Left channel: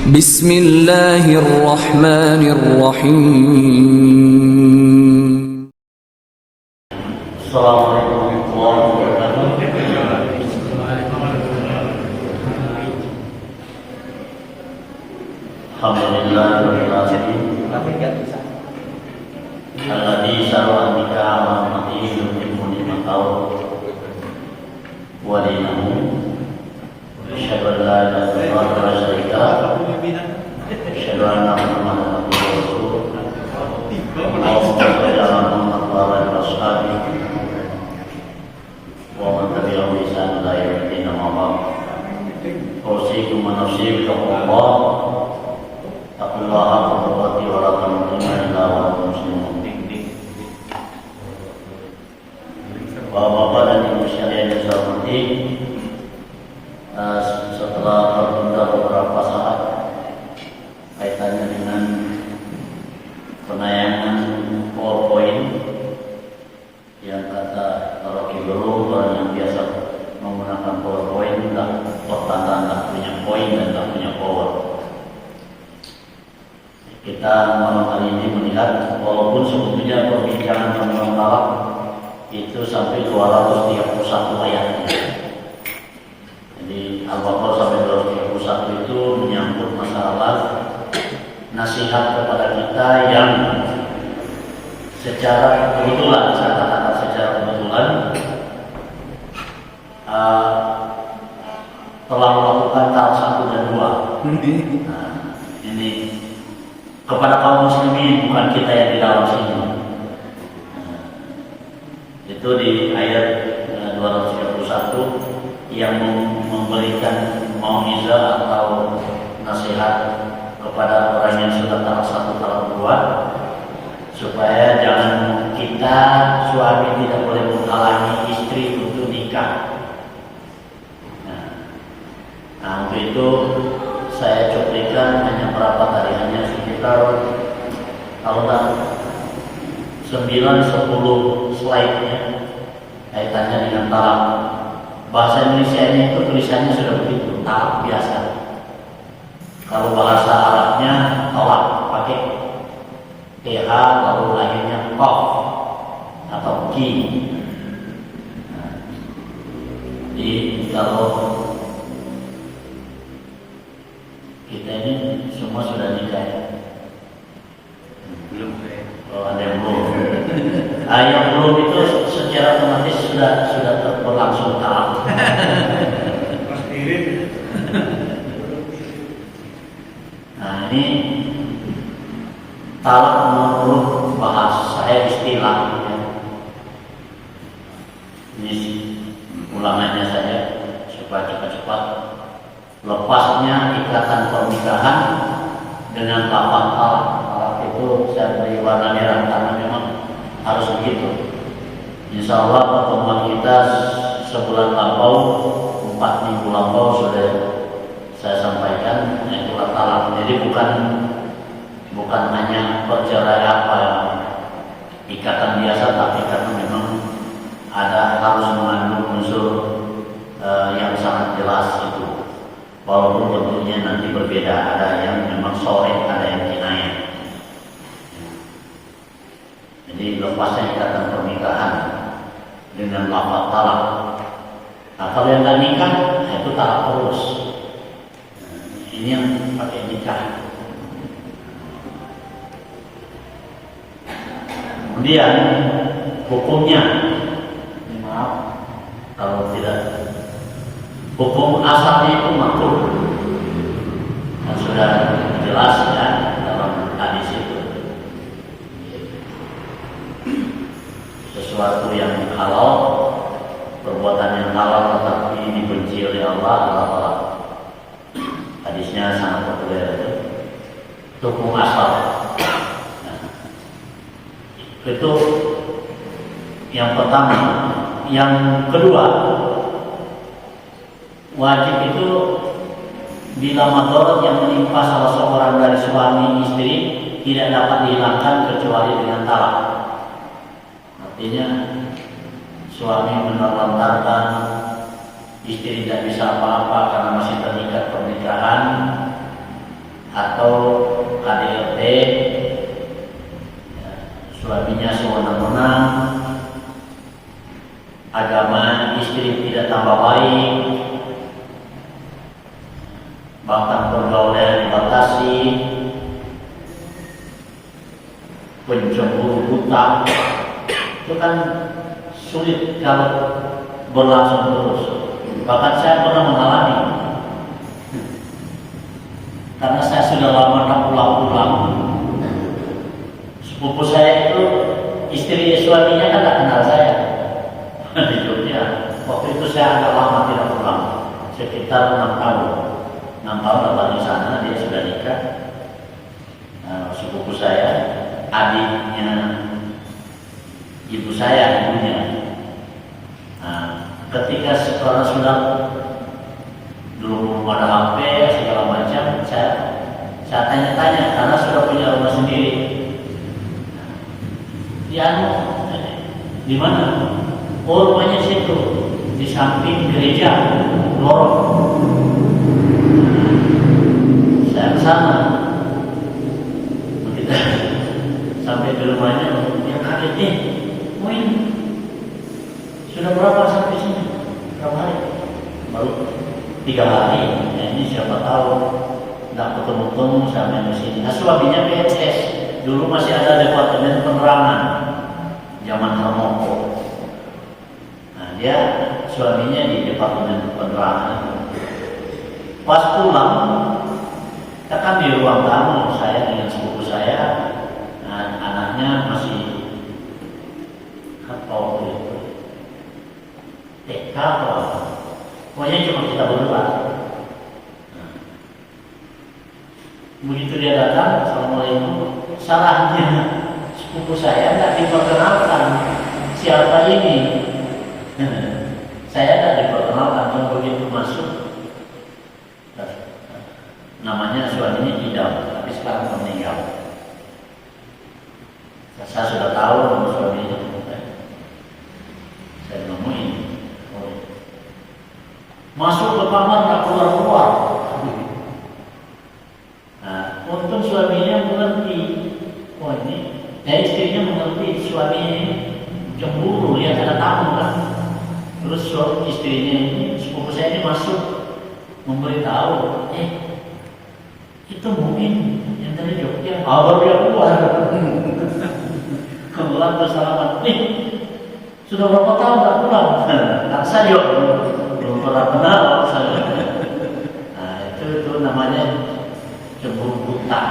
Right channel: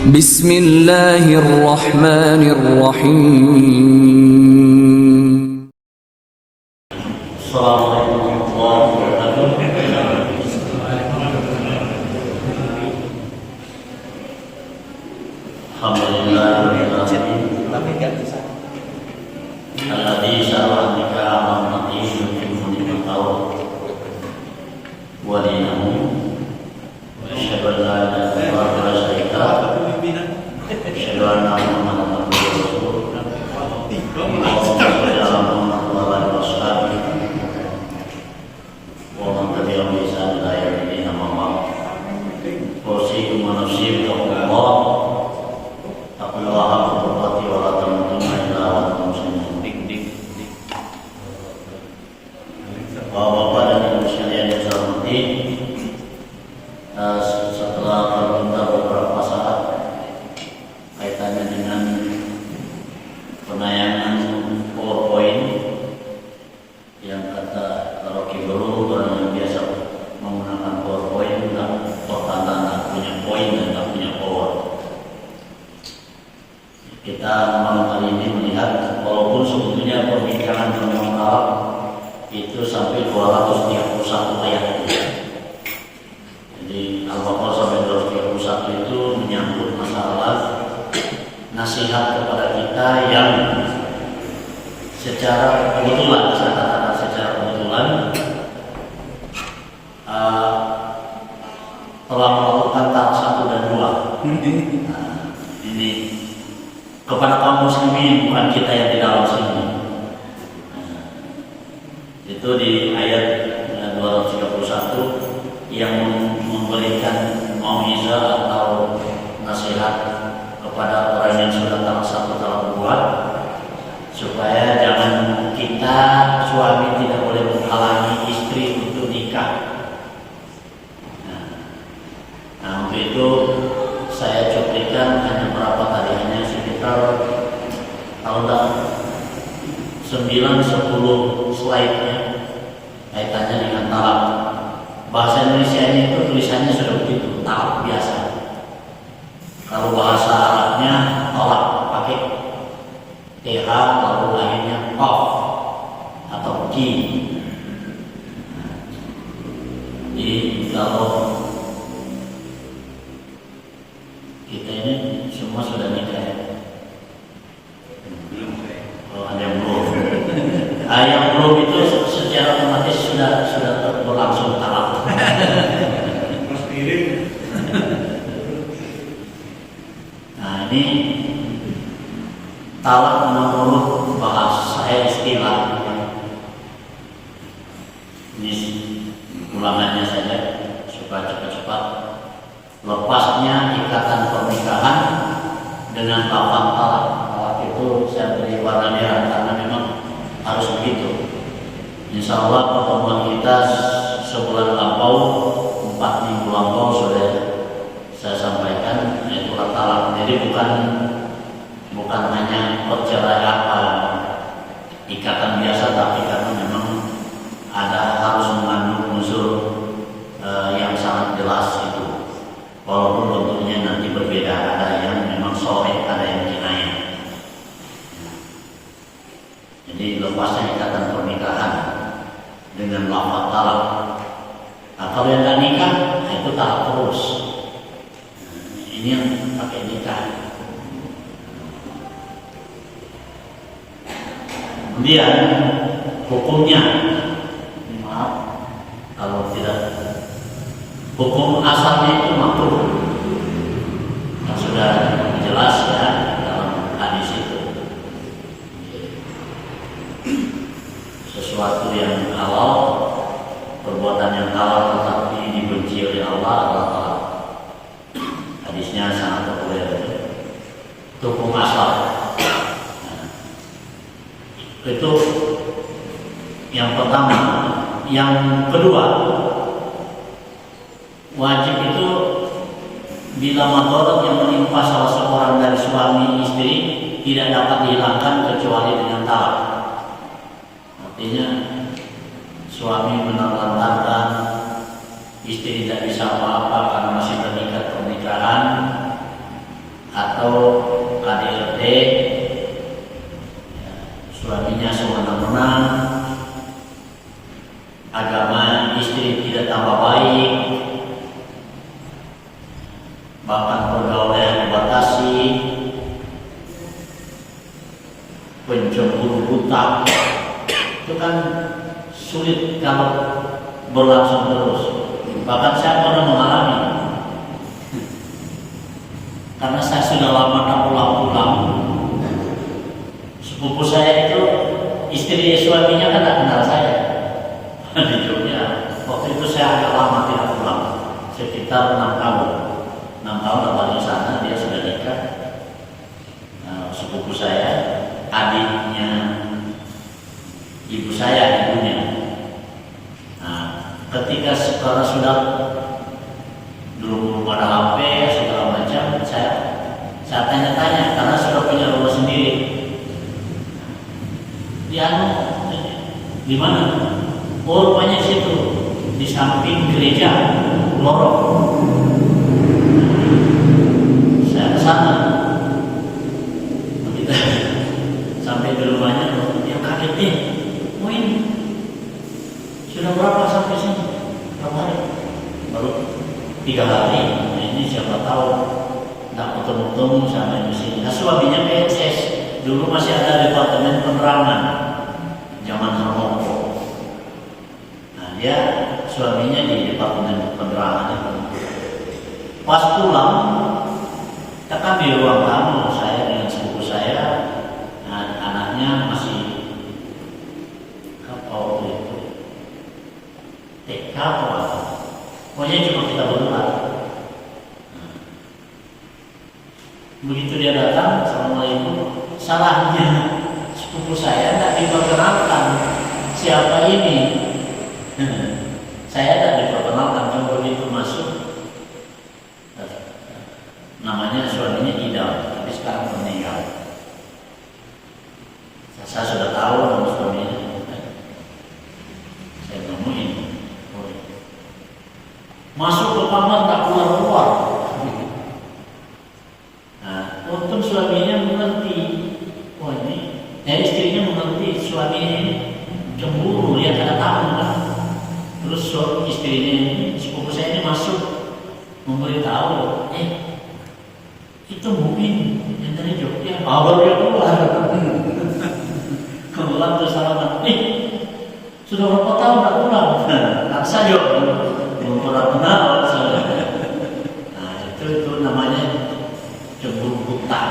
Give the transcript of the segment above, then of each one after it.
Bismillahirrahmanirrahim. Assalamualaikum warahmatullahi wabarakatuh. Alhamdulillah alladzi syara'a bika amran yutimmu ni'matahu wa dinahu asyhadu an la ilaha illallah wa asyhadu anna Muhammadan rasulullah. Allahumma shalli ala Muhammad wa ala ali washabihi wa man tabi'ahum bi ihsan ila yaumil din. Amma ba'd. Usikum wa nafsi bi taqwallah. Taqullaha haqqa wa la tamutunna illa wa antum muslimun. Bapak-bapak dan ibu sekalian yang saya hormati, setelah tertunda beberapa saat kaitannya dengan penayangan PowerPoint yang kata Rocky Gerung, orang yang biasa menggunakan PowerPoint tak punya poin dan tak punya power. Kita malam hari ini melihat walaupun sebetulnya perbincangan tentang Arab itu sampai 231 ayat. Jadi Al-Baqarah sampai 231 itu menyangkut masalah nasihat kepada kita yang secara kebetulan, saya katakan secara kebetulan telah melakukan tahap 1 dan 2. Ini kepada kaum muslimin, bukan kita yang di dalam sini. Itu di ayat 231 yang memberikan mau'izah atau nasihat kepada orang yang sudah tahap 1 tahap 2, supaya jangan kita suami tidak boleh menghalangi istri untuk nikah. Nah untuk itu saya cuplikan hanya berapa tadi, hanya sekitar kalau 9-10 slide-nya kaitannya dengan talak. Bahasa Indonesia-nya itu tulisannya sudah begitu, talak biasa. Kalau bahasa Arabnya talak pakai TH lalu akhirnya qaf atau ki. Jadi kalau kita ini semua sudah nikah. Ada yang belum. Yang belum itu secara otomatis sudah berlangsung talak. Nah ini talak menurut bahasa saya istilah. Ini ulangannya saja supaya cepat-cepat. Lepasnya ikatan pernikahan dengan lafaz talak. Talak itu saya beri warna merah karena memang harus begitu. Insya Allah pertemuan kita sebulan lampau, 4 minggu lampau sudah saya sampaikan, yaitu talak. Jadi bukan hanya perceraian ikatan biasa, tapi karena memang harus mengandung unsur yang sangat jelas itu. Walaupun bentuknya nanti berbeda, ada yang memang sorek, ada yang kinayah. Jadi lepasnya ikatan pernikahan dengan lafaz talak. Nah, kalau yang tidak nikah, itu talak terus. Ini yang pakai nikah. Kemudian hukumnya, maaf kalau tidak, hukum asalnya itu makruh. Yang sudah jelas ya dalam hadis itu. Sesuatu yang halal, perbuatan yang halal tetapi dibenci oleh Allah adalah hadisnya sangat populer. Hukum asal. Nah, itu yang pertama. Yang kedua, wajib itu bila madarat yang menimpa salah seorang dari suami istri tidak dapat dihilangkan kecuali dengan talak. Artinya suami menelantarkan istri, istri tidak bisa apa-apa karena masih terikat pernikahan, atau KDRT, ya, suaminya sewenang-wenang, agama istri tidak tambah baik, bahkan pergaulan dibatasi, pencemburu buta, itu kan sulit kalau berlangsung terus. Bahkan saya pernah mengalami, karena saya sudah lama tak pulang-pulang. Sepupu saya itu istri suaminya kan tak kenal saya di Jogja. Waktu itu saya agak lama tidak pulang, sekitar 6 tahun. 6 tahun lepas di sana dia sudah nikah. Nah, sepupu saya, adiknya ibu saya, ibunya. Nah, ketika sekarang sudah dulu ada HP segala macam, saya tanya-tanya karena sudah punya rumah sendiri. Di mana? Oh, rumahnya situ, di samping gereja, lorong. Saya ke sana. Kita sampai di rumahnya, dia kaget nih. Oh ini sudah berapa sampai sini? Berapa hari? Baru 3 hari. Nah, ini siapa tahu nggak ketemu-temu sampai di sini. Nah, suaminya PNS. Dulu masih ada departemen penerangan zaman Harmoko. Nah, dia suaminya di departemen penerangan. Pas pulang, kita kan di ruang tamu, saya dengan sepupu saya, nah, anaknya masih apa waktu itu TK atau apa, pokoknya cuma kita berdua. Nah, begitu dia datang, assalamualaikum, salahnya sepupu saya tidak diperkenalkan siapa ini. Saya tidak diperkenalkan, cuma begitu masuk. Namanya suaminya Idam, tapi sekarang meninggal. Saya sudah tahu nama suaminya. Saya nemuin. Masuk ke kamar tak keluar-keluar. Nah, untung suaminya mengerti. Oh ini, istrinya mengerti suaminya ini cemburu, dia ada tamu kan. Terus istrinya ini, sepupu saya ini masuk memberitahu, itu mungkin yang dari Jogja. Baru dia keluar. Kemudian terus salaman. Sudah berapa tahun tak pulang? Nah, saya belum pernah kenal. Nah, itu namanya cemburu buta.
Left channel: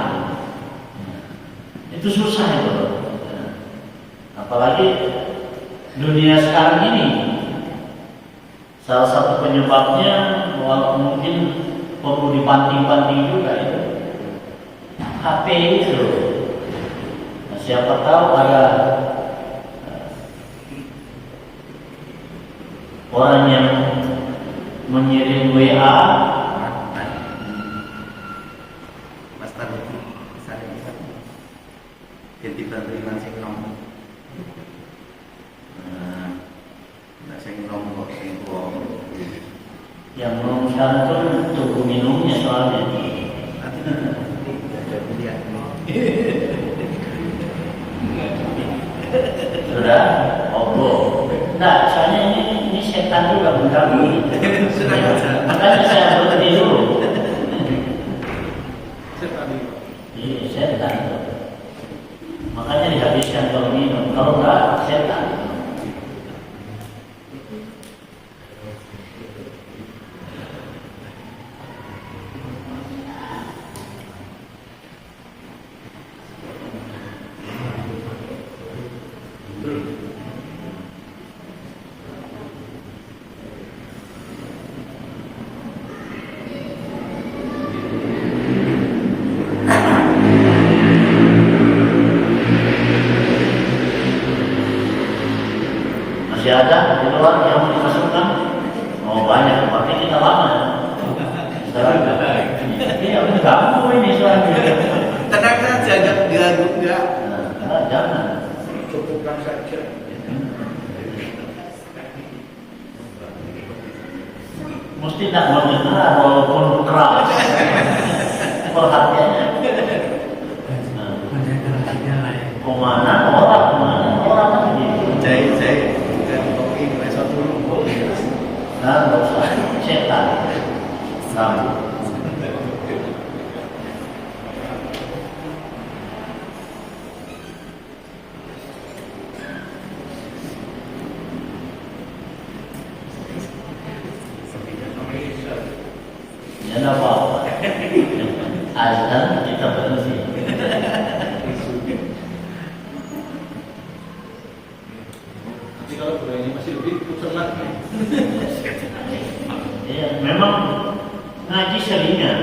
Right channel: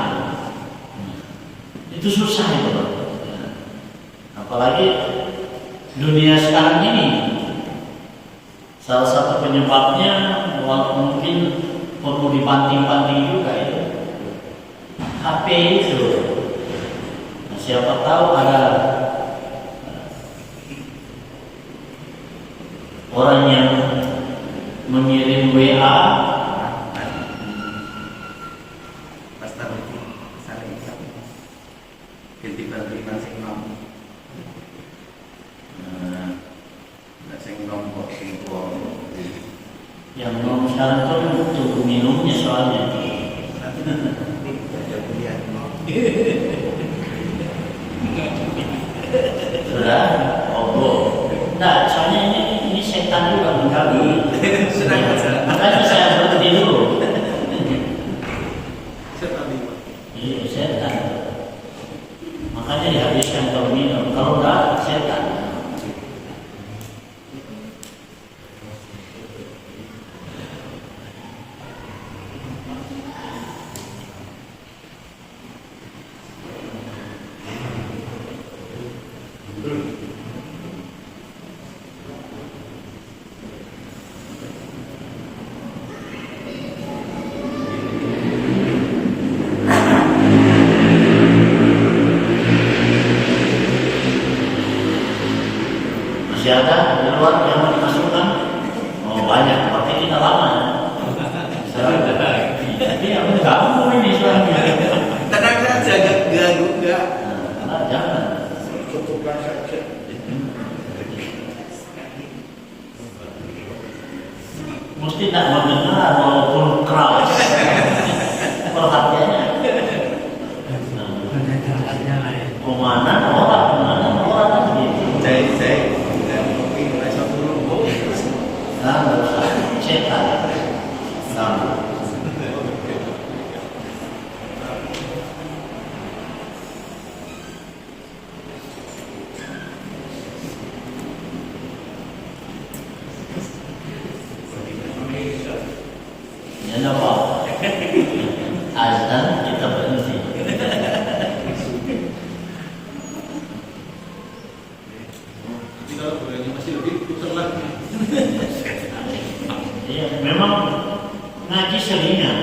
Itu susah itu. Apalagi dunia sekarang ini. Salah satu penyebabnya mungkin perlu dibanting-banting juga itu HP itu. Nah, siapa tahu ada orang yang mengirim WA. Pastor itu saling ganti bantuan sing nom. Nah, sing nom kok sing tuwa. Yang belum santun tunggu minumnya soalnya. Sudah? Oh, nah, soalnya ini setan juga mengganggu. Makanya saya berhenti dulu. Iya, setan. Makanya dihabiskan kalau minum. Kalau enggak, setan. Masih ada di luar yang mau dimasukkan? Oh banyak, makanya kita lama. Sekarang ini mengganggu ini soalnya. Tenang saja, enggak. Nah, jangan. Cukupkan saja. Mesti tidak mendengar walaupun keras. Perhatiannya. Kemana orang lagi? Saya kopi rasa dulu. Nah, nggak usah cetak. Nah, ya nggak apa-apa. Azan kita berhenti. Kalau berani masih lebih putar lagi. Ya, memang ngaji seringan.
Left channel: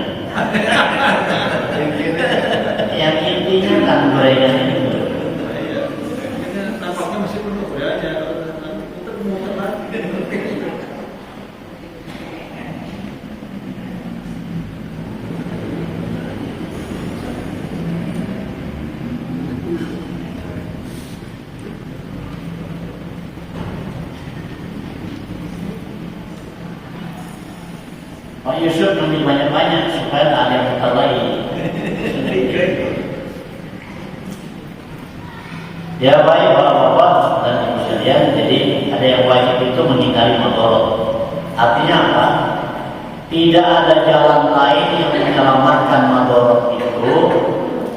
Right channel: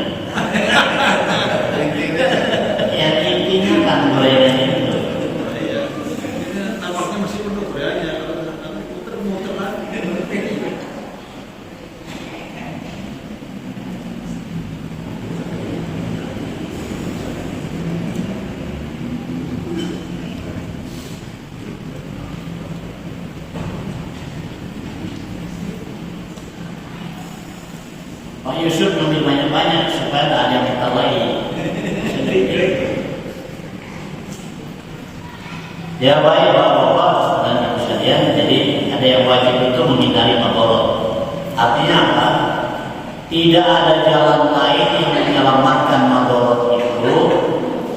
Yang intinya kan gorengan itu. Nampaknya masih penuh berani. Putar lagi. Pak Yusuf nanti banyak-banyak supaya tak ada yang putar lagi. Ya baik bapak-bapak dan ibu sekalian, jadi ada yang wajib itu menghindari madorot. Artinya apa? Tidak ada jalan lain yang menyelamatkan madorot itu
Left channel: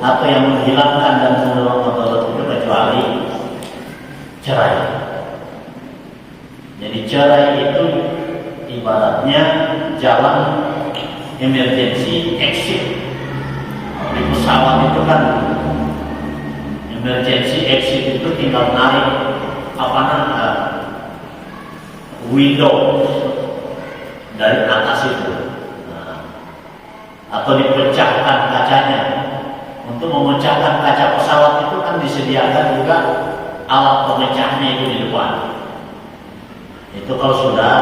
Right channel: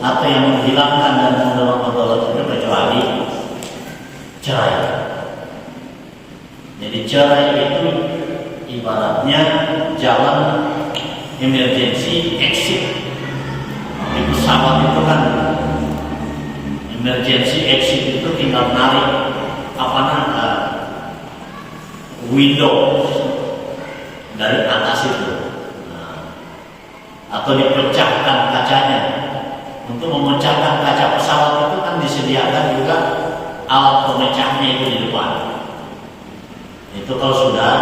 atau yang menghilangkan dan mendorong madorot itu kecuali cerai. Jadi cerai itu ibaratnya jalan emergency exit. Di pesawat itu kan emergency exit itu tinggal narik window dari atas itu, atau dipecahkan kacanya. Untuk memecahkan kaca pesawat itu kan disediakan juga alat pemecahnya itu di depan. Itu kalau sudah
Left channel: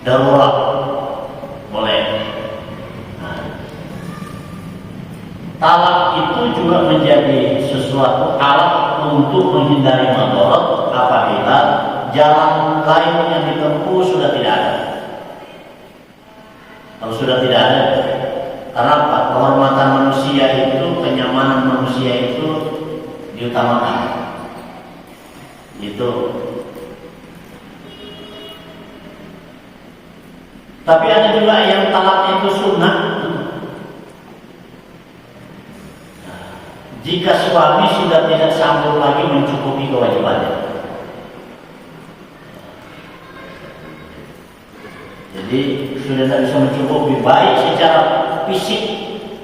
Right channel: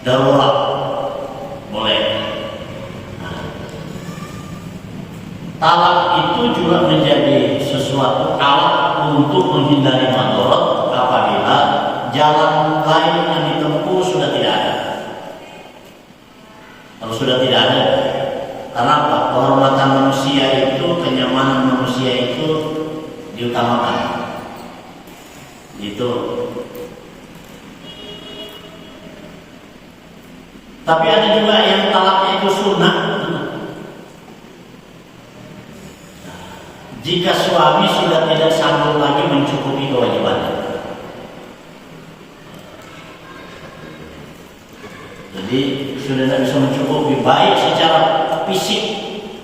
darurat boleh. Talak itu juga menjadi sesuatu alat untuk menghindari madorot apabila jalan lain yang ditempuh sudah tidak ada. Kalau sudah tidak ada, karena apa? Kehormatan manusia itu, kenyamanan manusia itu diutamakan. Itu. Tapi ada juga yang talaknya itu sunnah. Jika suami sudah tidak sanggup lagi mencukupi kewajibannya. Jadi sudah tidak bisa mencukupi baik secara fisik,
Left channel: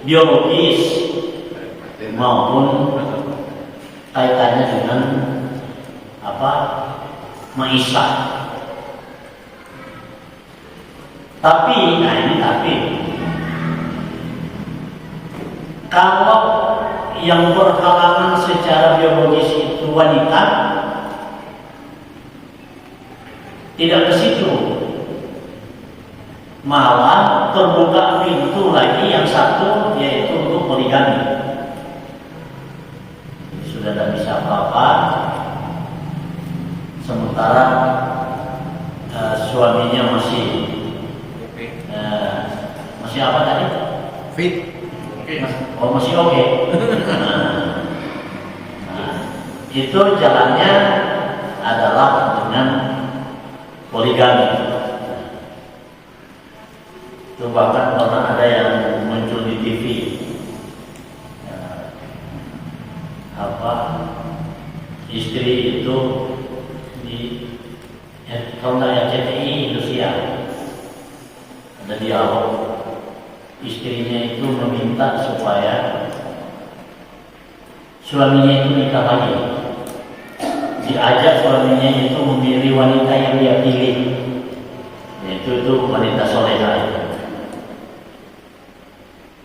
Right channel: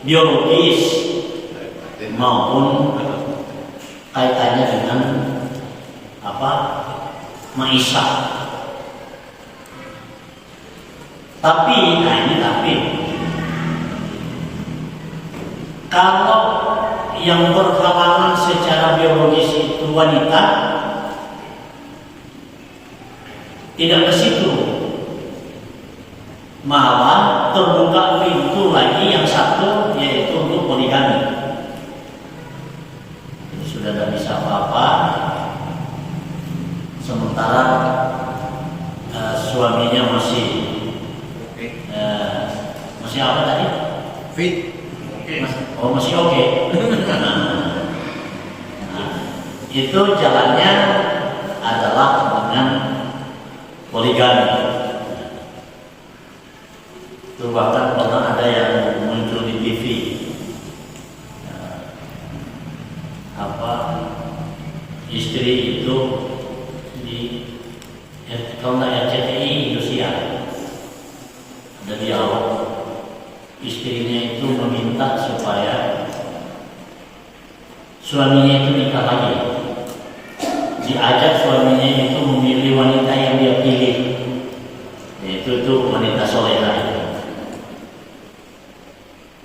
biologis maupun kaitannya dengan maisha. Tapi kalau yang berhalangan secara biologis itu wanita, tidak ke situ, malah terbuka pintu lagi yang satu, yaitu untuk poligami. Sudah tidak bisa apa-apa, sementara suaminya masih apa tadi? Fit. Masih oke. Itu jalannya adalah dengan poligami. Itu bahkan pernah ada yang muncul di TV. Istri itu kalau nggak RCTI Indosiar ada dialog. Istrinya itu meminta supaya suaminya itu nikah lagi. Diajak suaminya itu memilih wanita yang dia pilih, yaitu wanita soleha.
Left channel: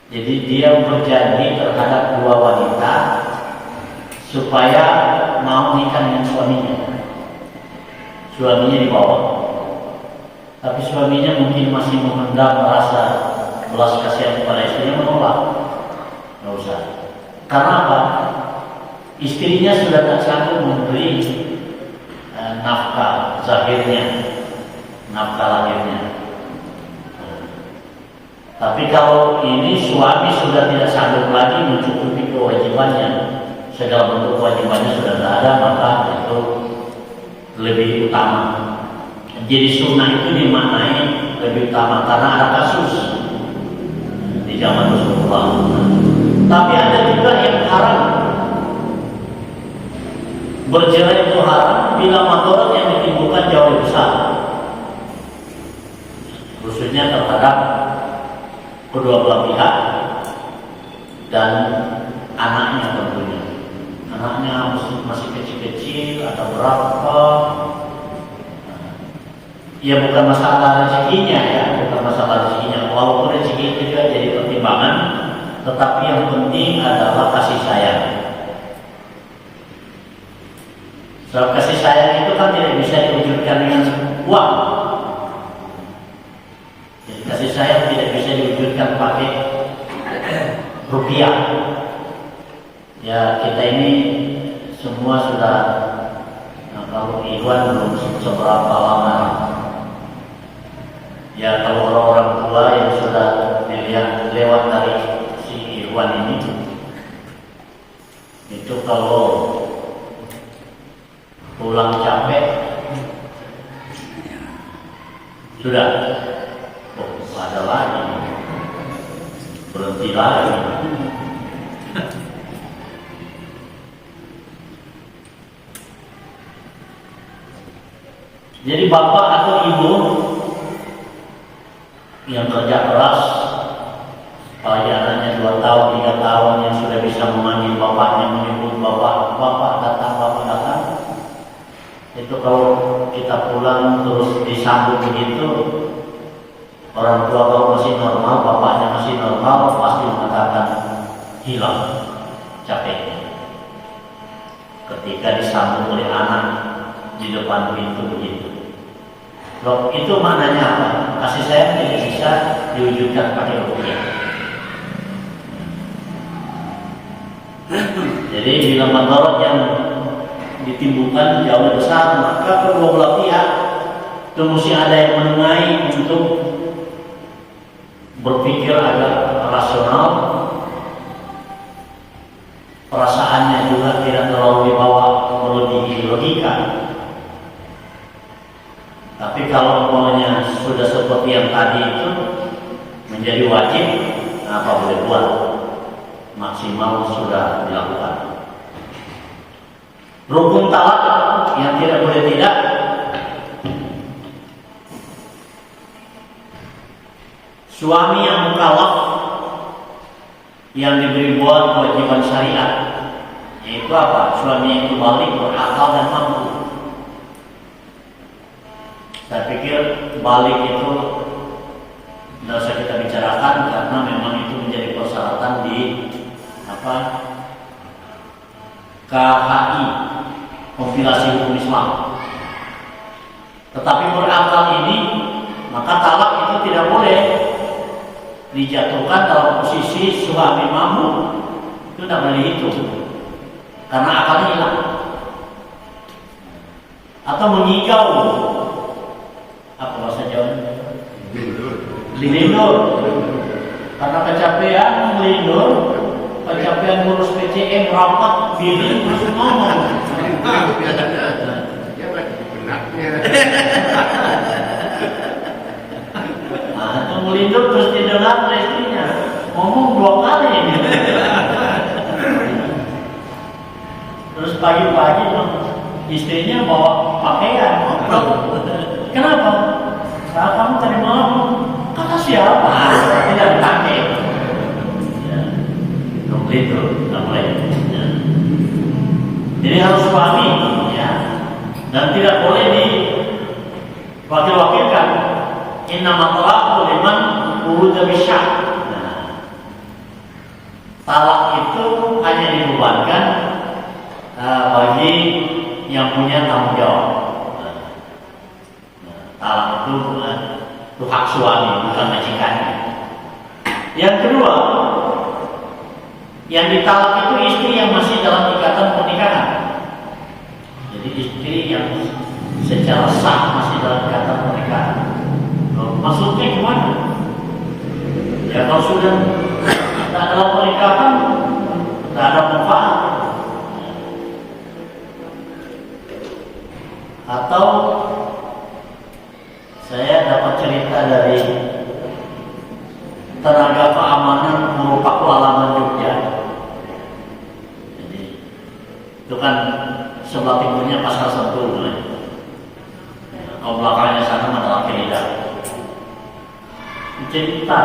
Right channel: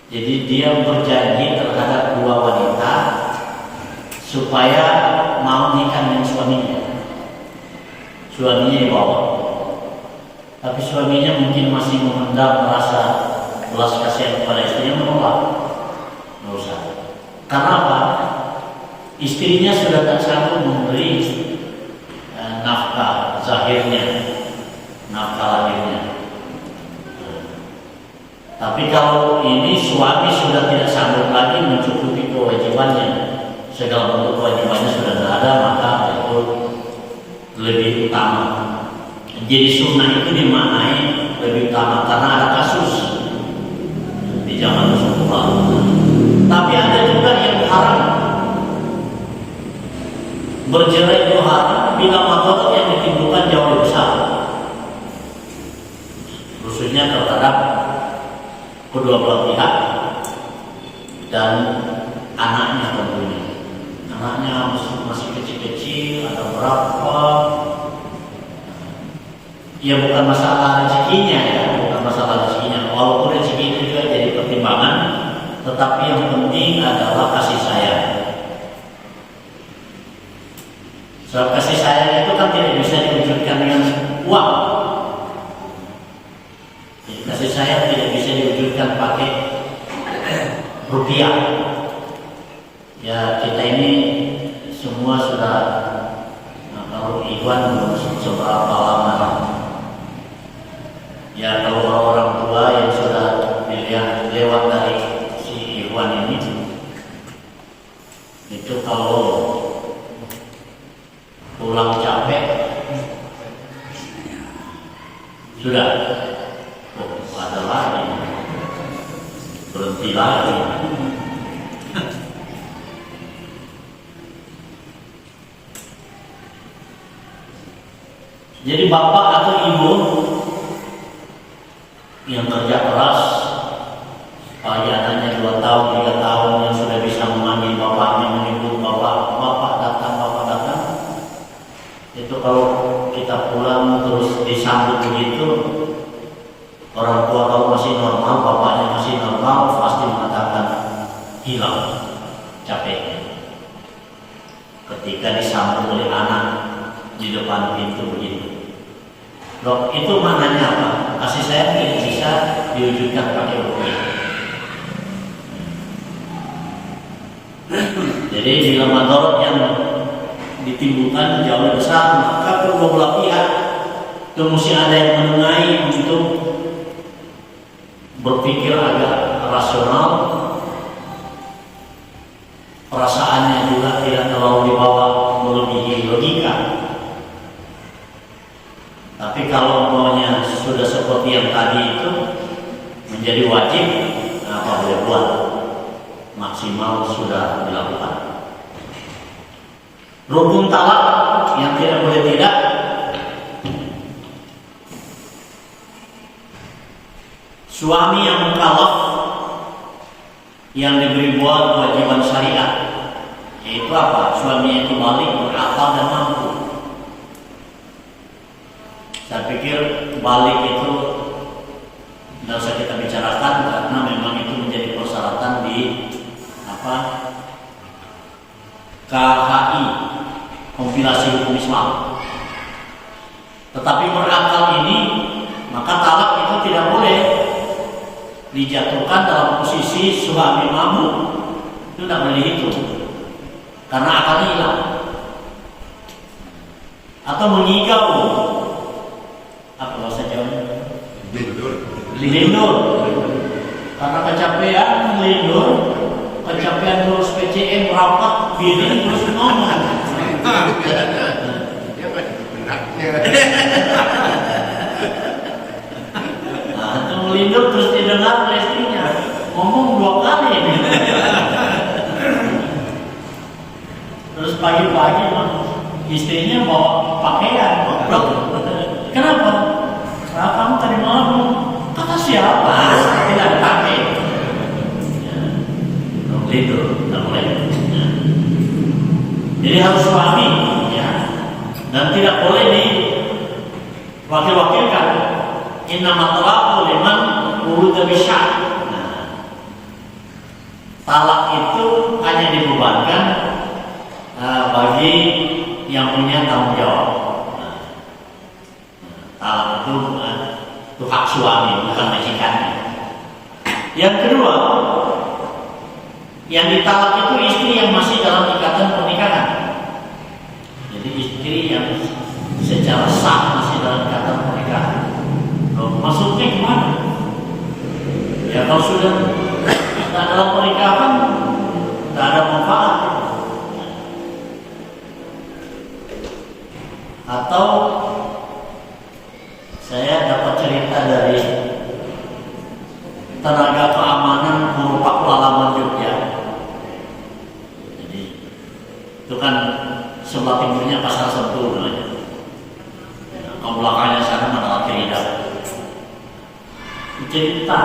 Jadi dia berjanji terhadap dua wanita supaya mau nikah dengan suaminya. Suaminya dibawa, tapi suaminya mungkin masih memendam rasa belas kasihan kepada istrinya, menolak, nggak usah. Karena apa? Istrinya sudah tak sanggup memberi nafkah zahirnya, nafkah lahirnya. Tapi kalau ini suami sudah tidak sanggup lagi mencukupi kewajibannya, segala bentuk kewajibannya sudah tidak ada, maka itu lebih utama. Jadi sunnah itu dimaknai lebih utama karena ada kasus di zaman Rasulullah. Tapi ada juga yang haram. Bercerai itu haram bila madarat yang ditimbulkan jauh lebih besar, khususnya terhadap kedua belah pihak dan anaknya tentunya. Anaknya masih kecil-kecil, ada berapa? Ya bukan masalah rezekinya ya, bukan masalah rezekinya. Walaupun rezeki itu juga jadi pertimbangan, tetapi yang penting adalah kasih sayang. Soal kasih sayang itu kan tidak bisa diwujudkan dengan uang. Jadi, kasih sayang tidak bisa diwujudkan pakai rupiah. Ya kita ini semua sudah kalau Ikhwan belum seberapa lama. Ya kalau orang-orang tua yang sudah yang lewat dari si Ikhwan ini, itu kalau pulang capek sudah ada lagi, berhenti lagi. Jadi bapak atau ibu yang kerja keras, apalagi anaknya 2 tahun, 3 tahun yang sudah bisa memanggil bapaknya, menyebut bapak datang, itu kalau kita pulang terus disambut begitu, orang tua kalau masih normal, bapaknya masih normal, pasti mengatakan hilang capeknya ketika disambut oleh anak di depan pintu begitu. Loh, itu maknanya apa? Kasih sayang tidak bisa diwujudkan pakai rupiah. Jadi bila madarat yang ditimbulkan jauh lebih besar, maka kedua belah pihak itu mesti ada yang menengahi untuk berpikir agak rasional, perasaannya juga tidak terlalu dibawa melebihi logika. Tapi kalau maunya sudah seperti yang tadi itu menjadi wajib, apa boleh buat, maksimal sudah dilakukan. Rukun talak yang tidak boleh tidak, suami yang mukallaf yang diberi buat kewajiban syariat, yaitu apa? Suami yang balik, berakal dan mampu. Saya pikir balik itu tidak usah kita bicarakan karena memang itu menjadi persyaratan di KHI, kompilasi hukum Islam. Tetapi berakal ini, maka talak itu tidak boleh dijatuhkan dalam posisi suami mabuk, itu tidak boleh dihitung karena akalnya hilang. Atau mengigau, apa bahasa Jawanya? Lindur. Karena kecapean lindur, kecapean ngurus PCM rapat diri terus ngomong. Nah, itu melindur terus didengar oleh istrinya, ngomong 2 kali ini. Terus pagi-pagi istrinya bawa pakaian. Kenapa? Nah, kamu tadi malam kata siapa? Tidak dipakai. Ya, itu tidak boleh. Ya. Jadi harus suami, ya, dan tidak boleh diwakil-wakilkan. Innama talaqu liman urida bisya. Talak itu hanya dibebankan bagi yang punya tanggung jawab. Talak itu hak suami, bukan majikannya. Yang kedua, yang ditalak itu istri yang masih dalam ikatan pernikahan. Jadi istri yang secara sah masih dalam ikatan pernikahan. Maksudnya gimana? Ya kalau sudah dalam pernikahan, nggak ada manfaat. Atau saya dapat cerita dari tenaga keamanan Guru Pakualaman Jogja. Jadi itu kan sebelah timurnya Pasar Sentul, ke belakangnya sana adalah Keridak. Cerita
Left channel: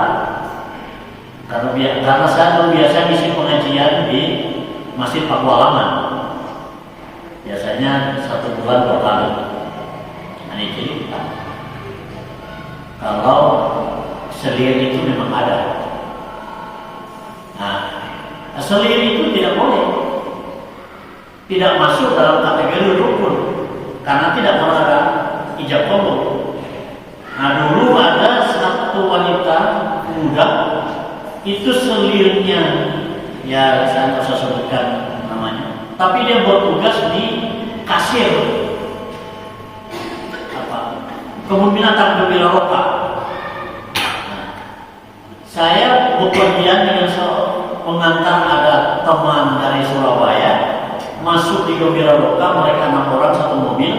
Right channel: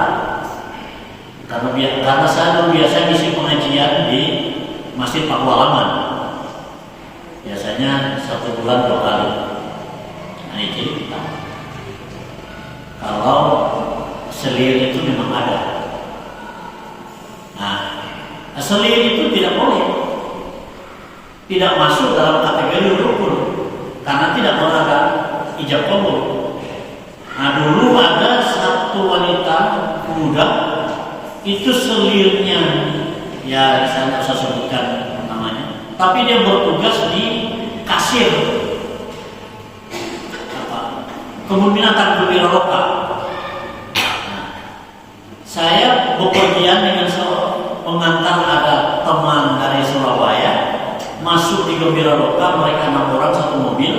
karena saya biasa ngisi pengajian di Masjid Pakualaman, biasanya 1 bulan 2 kali. Nah, ini cerita kalau selir itu memang ada. Nah, selir itu tidak boleh, tidak masuk dalam kategori rukun karena tidak ada ijab qabul. Nah, dulu ada satu wanita muda itu selirnya, ya saya tidak usah sebutkan namanya, tapi dia bertugas di kasir kebun binatang Gembira Loka. Saya bepergian dengan pengantar, ada teman dari Surabaya masuk di Gembira Loka, mereka 6 orang 1 mobil.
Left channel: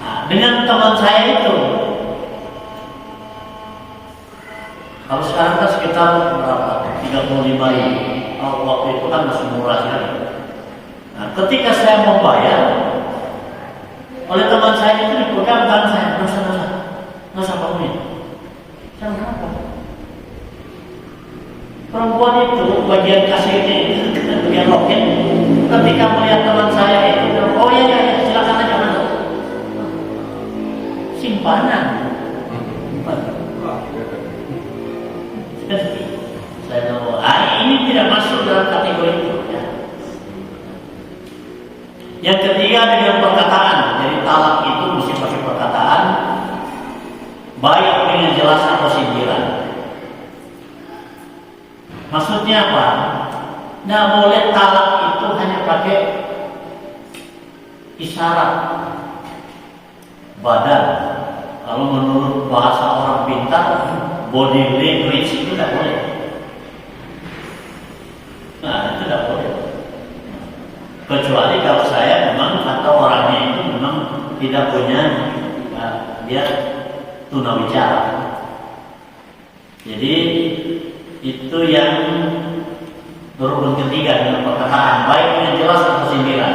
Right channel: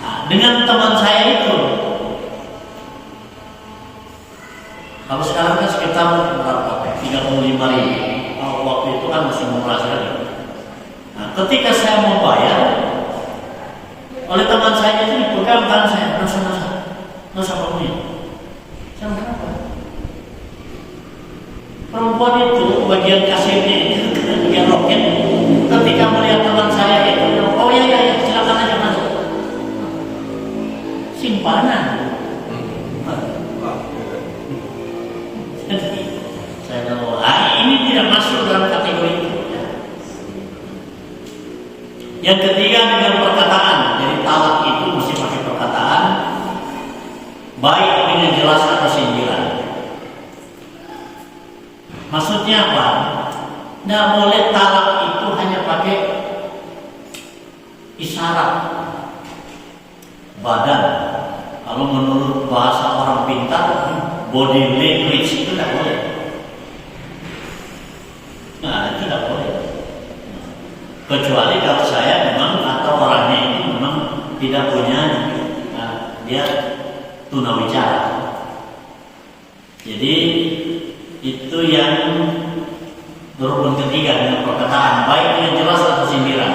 Nah, dengan teman saya itu, kalau sekarang kan sekitar berapa? 35.000. Waktu itu kan masih murah sekali. Nah, ketika saya mau bayar, oleh teman saya itu dipegang tangan saya, nggak usah kamu ini. Saya kenapa? Perempuan itu bagian kasirnya itu, bagian loket, ketika melihat teman saya itu, oh ya, silakan aja masuk. Simpanan. Jadi saya tahu, ini tidak masuk dalam kategori itu. Yang ketiga dengan perkataan. Jadi talak itu mesti pakai perkataan, baik dengan jelas atau sindiran. Maksudnya apa? Tidak boleh talak itu hanya pakai isyarat badan. Kalau menurut bahasa orang pintar, body language itu tidak boleh. Nah, itu tidak boleh. Kecuali kalau saya memang atau orangnya itu memang tidak punya, dia tunawicara. Jadi itu yang berhubung ketiga dengan perkataan, baik dengan jelas atau sindiran.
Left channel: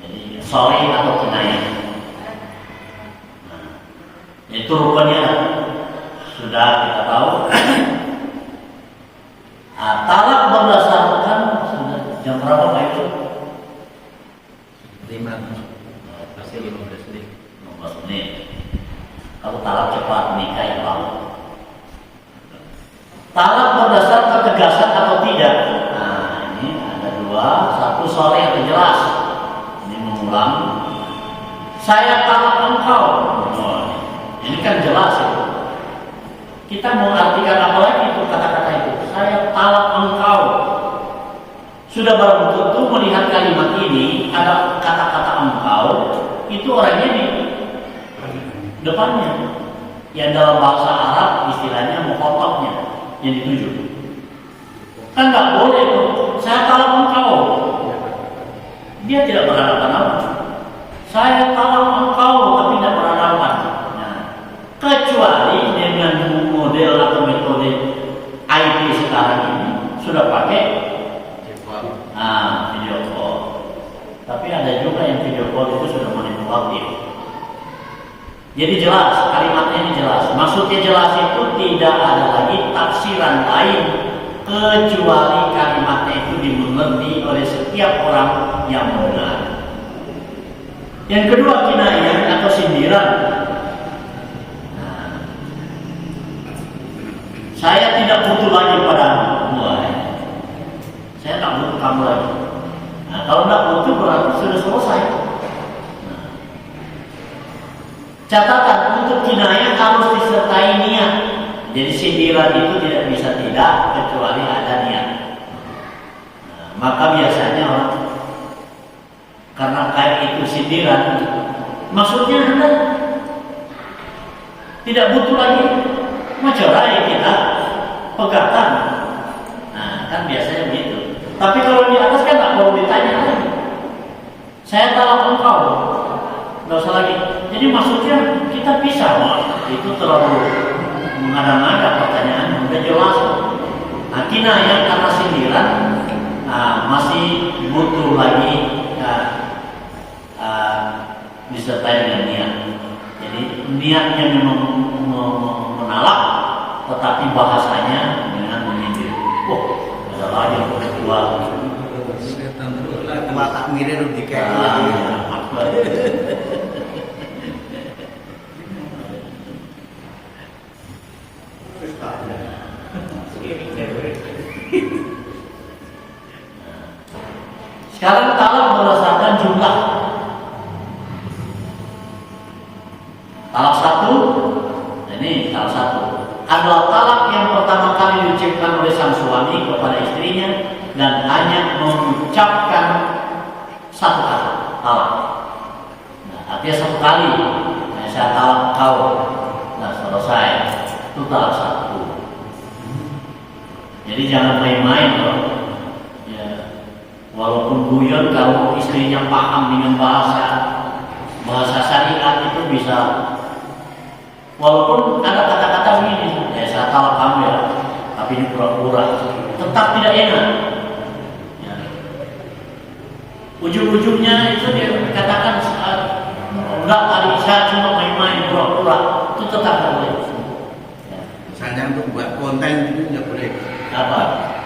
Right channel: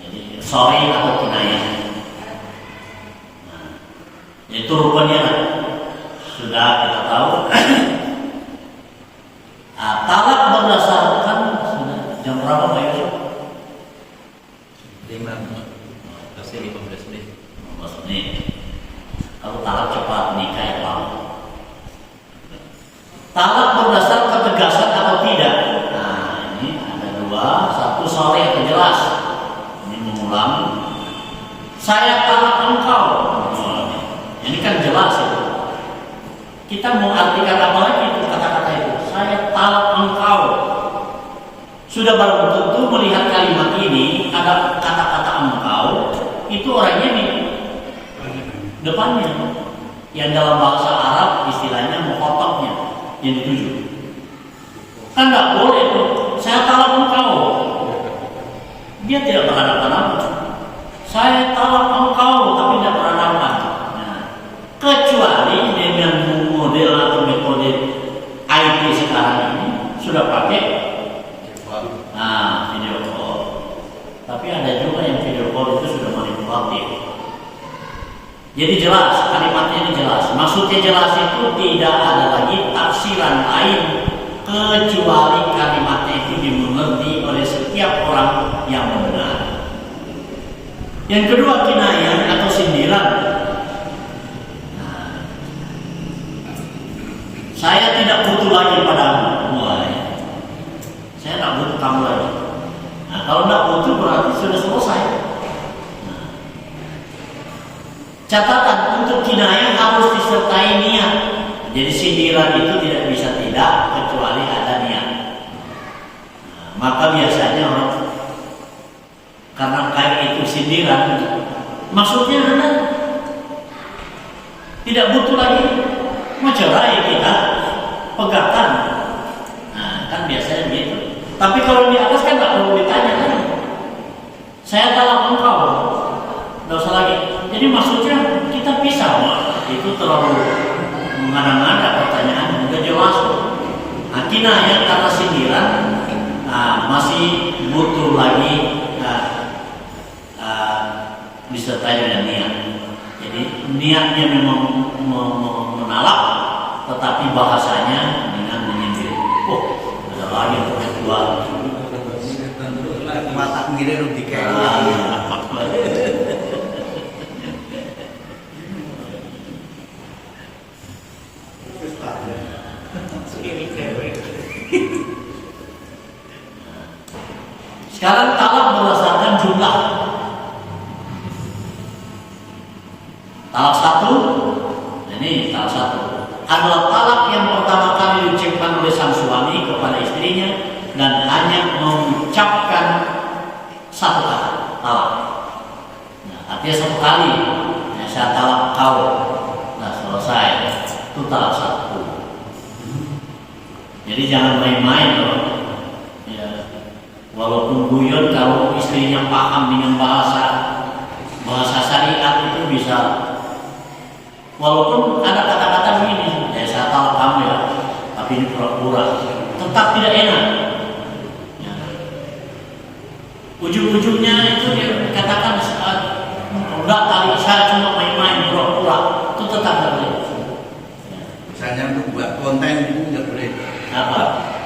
Jadi sorry atau kenanya. Nah, itu rupanya sudah kita tahu. Talak berdasarkan jam berapa Pak itu? 15 menit. Kalau talak cepat nikah ya Pak. Talak berdasar ketegasan atau tidak. Nah, ini ada 2, 1 sore yang jelas. Ini mengulang. Saya talak engkau. Ini kan jelas itu. Kita mau artikan apa lagi itu kata-kata itu? Saya talak engkau. Sudah barang tentu melihat kalimat ini ada kata-kata engkau, itu orangnya di depannya. Yang dalam bahasa Arab istilahnya mukhotobnya yang dituju. Kan nggak boleh tuh. Saya talak engkau. Dia tidak berhadapan. Saya talak engkau tapi tidak berhadapan. Nah, kecuali dengan model atau metode IT sekarang ini sudah pakai video call. Tapi ada juga yang video call itu sudah manipulatif. Jadi jelas, kalimatnya ini jelas. Maksudnya jelas itu tidak ada lagi tafsiran lain kecuali kalimatnya itu dimengerti oleh setiap orang yang benar. Yang kedua, kinayah atau sindiran. Saya tidak butuh lagi padamu. Saya tak butuh kamu lagi. Nah, kalau tidak butuh berarti sudah selesai. Catatan untuk kinayah harus disertai niat. Jadi sindiran itu tidak bisa tidak kecuali ada niat. Nah, maka biasanya orang karena kayak itu sindiran, maksudnya Anda tidak butuh lagi mencerai kita pegatan. Nah, kan biasanya begitu. Tapi kalau di atas kan nggak perlu ditanya kan. Saya talak engkau, nggak usah lagi. Jadi maksudnya kita bisa, itu terlalu mengada-ngada pertanyaan, udah jelas. Akhirnya yang kata sindiran masih butuh lagi disertai dengan niat. Jadi niatnya memang menalak, tetapi bahasanya dengan menyindir. Oh, ada lagi yang kedua. Mata mirip di kayak sekarang talak berdasarkan jumlah. Talak satu, ini talak satu adalah talak yang pertama kali diucapkan oleh sang suami kepada istrinya dan hanya mengucapkan satu kata talak. Nah, artinya satu kali, saya talak kau, nah selesai, itu talak satu. Jadi jangan main-main loh. Ya, walaupun guyon kalau istrinya paham dengan bahasa syariat itu bisa. Walaupun ada kata-kata ini, saya talak kamu ya, tapi ini pura-pura, tetap tidak enak. Ya. Ujung-ujungnya itu dia katakan enggak kali saya cuma main-main pura-pura, itu tetap tidak boleh. Ya. Misalnya untuk buat konten itu nggak boleh. Apa?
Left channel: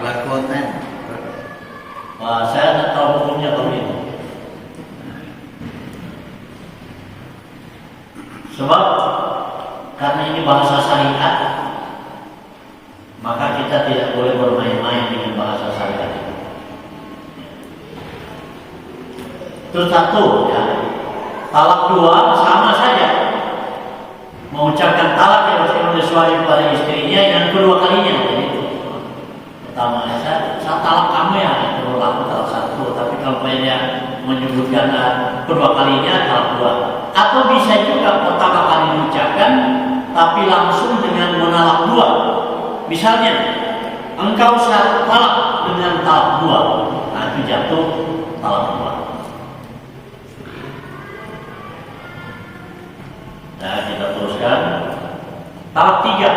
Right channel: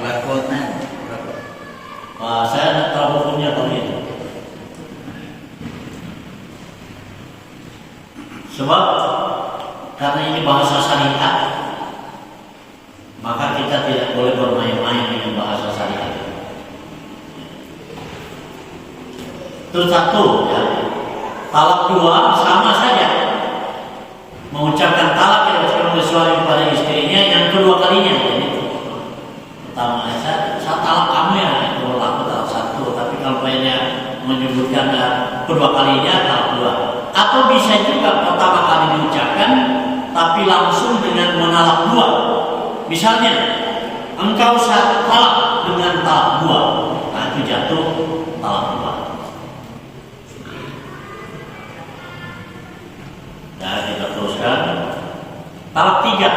Buat konten. Wah, saya tidak tahu hukumnya kalau itu. Sebab karena ini bahasa syariat, maka kita tidak boleh bermain-main dengan bahasa syariat. Terus satu, ya, talak dua sama saja, mengucapkan talak yang oleh suami pada istrinya yang kedua kalinya. Jadi, pertama saya talak kamu ya, itu aku talak satu, tapi kalau dia menyebutkan kedua kalinya talak dua. Atau bisa juga pertama kali diucapkan tapi langsung dengan menalak dua. Misalnya engkau saya talak dengan talak dua, nah itu jatuh talak dua. Nah kita teruskan talak tiga,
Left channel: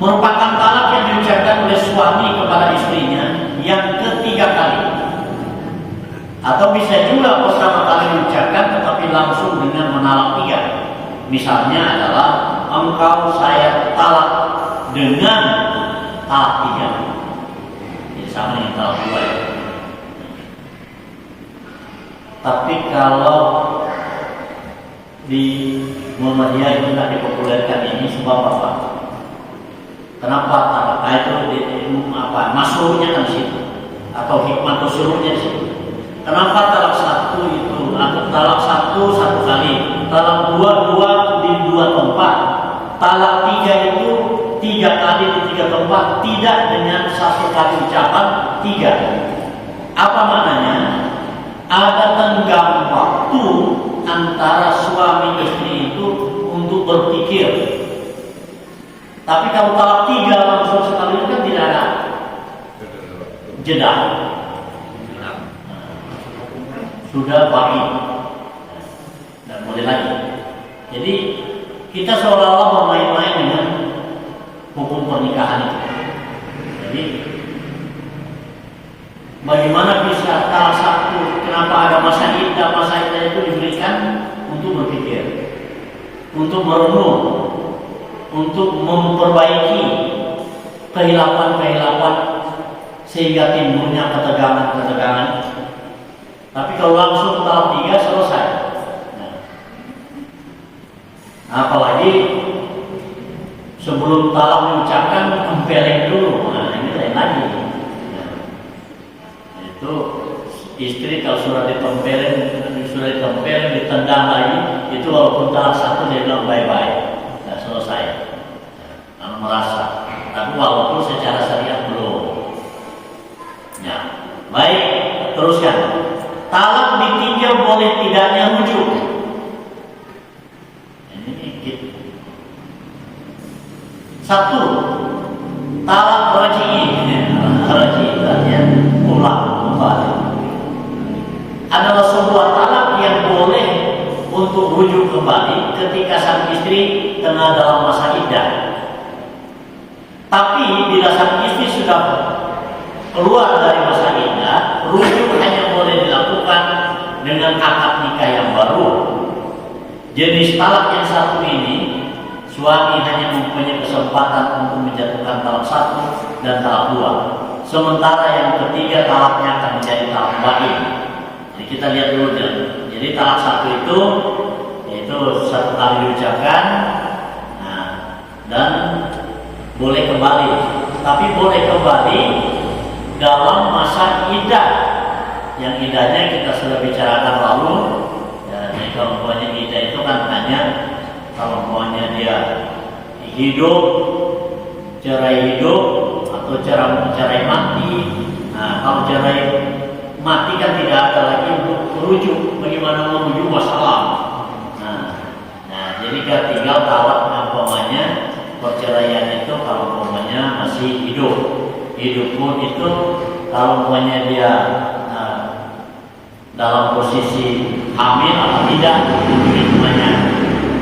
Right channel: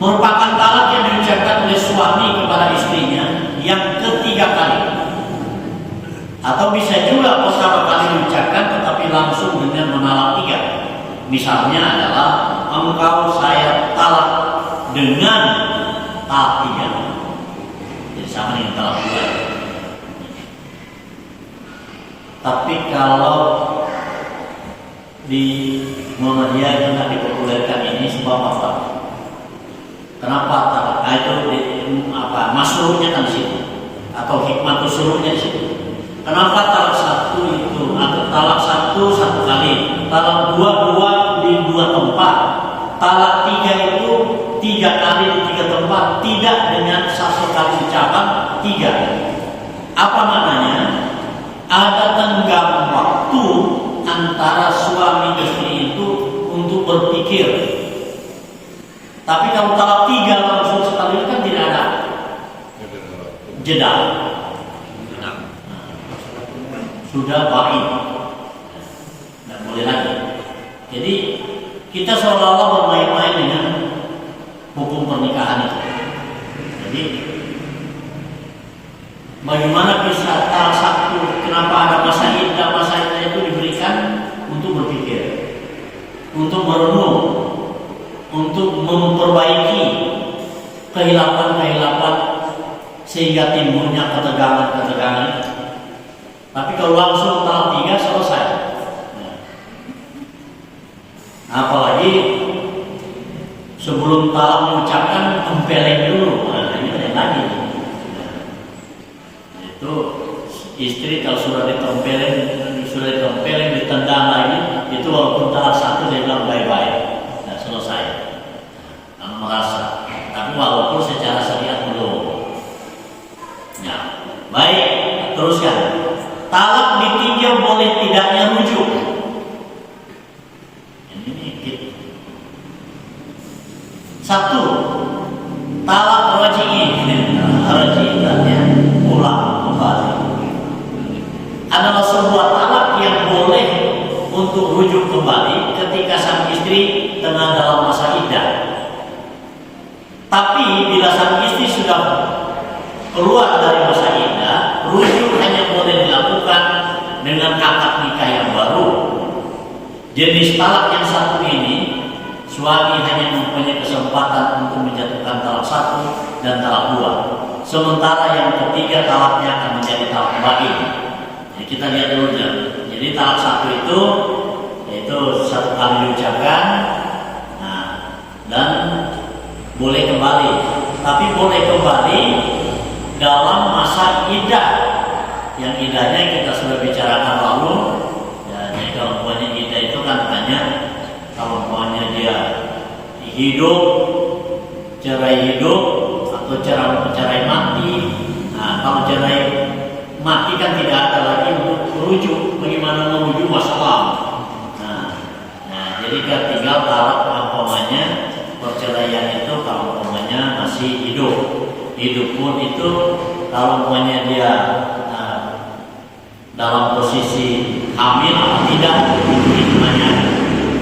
merupakan talak yang diucapkan oleh suami kepada istrinya yang ketiga kali. Atau bisa juga pertama kali diucapkan tetapi langsung dengan menalak tiga. Misalnya adalah engkau saya talak dengan talak tiga. Jadi sama dengan talak dua. Tapi kalau di Muhammadiyah itu tidak dipopulerkan ini sebab apa? Kenapa talak? Itu masuknya kan di situ atau hikmah usulnya di situ. Kenapa talak satu itu atau talak satu kali, talak dua di dua tempat, talak tiga itu tiga kali di tiga tempat, tidak dengan satu kali ucapan tiga. Apa maknanya? Ada tenggang waktu antara suami istri itu untuk berpikir. Tapi kalau talak tiga langsung sekali kan tidak ada jeda. Sudah baik, tidak boleh lagi. Jadi kita seolah-olah bermain-main dengan hukum pernikahan itu. Jadi bagaimana bisa talak satu? Kenapa ada masa iddah itu diberikan untuk berpikir, untuk merenung, untuk memperbaiki kehilapan sehingga timbulnya ketegangan. Tapi kalau langsung talak tiga selesai. Apalagi sebelum talak mengucapkan tempeleng dulu. Nah ini lain lagi. Itu istri kalau sudah ditempeleng, ditendang lagi, itu walaupun talak satu dia bilang bye-bye, nah selesai. Karena merasa. Tapi walaupun secara syariat belum. Ya, baik, teruskan. Talak ditinjau boleh tidaknya rujuk. Ini satu, talak raj'i. untuk rujuk kembali ketika sang istri tengah dalam masa iddah. Tapi bila sang istri sudah keluar dari masa iddah, rujuk hanya boleh dilakukan dengan akad nikah yang baru. Jenis talak yang satu ini, suami hanya mempunyai kesempatan untuk menjatuhkan talak satu dan talak dua. Sementara yang ketiga talaknya akan menjadi talak bain. Jadi kita lihat dulu ya. Jadi talak satu itu yaitu satu kali diucapkan, nah, dan boleh kembali. Tapi boleh kembali dalam masa iddah. Yang iddahnya kita sudah bicarakan lalu. Dan kalau umpamanya iddah itu kan hanya kalau umpamanya dia hidup, cerai hidup atau cerai mati. Nah, kalau cerai mati kan tidak ada lagi untuk merujuk. Bagaimana merujuk masalah? Nah, jadi kan tinggal talak umpamanya perceraian itu kalau umpamanya masih hidup. Hidup pun itu kalau umpamanya dia dalam posisi hamil atau tidak, hitungannya.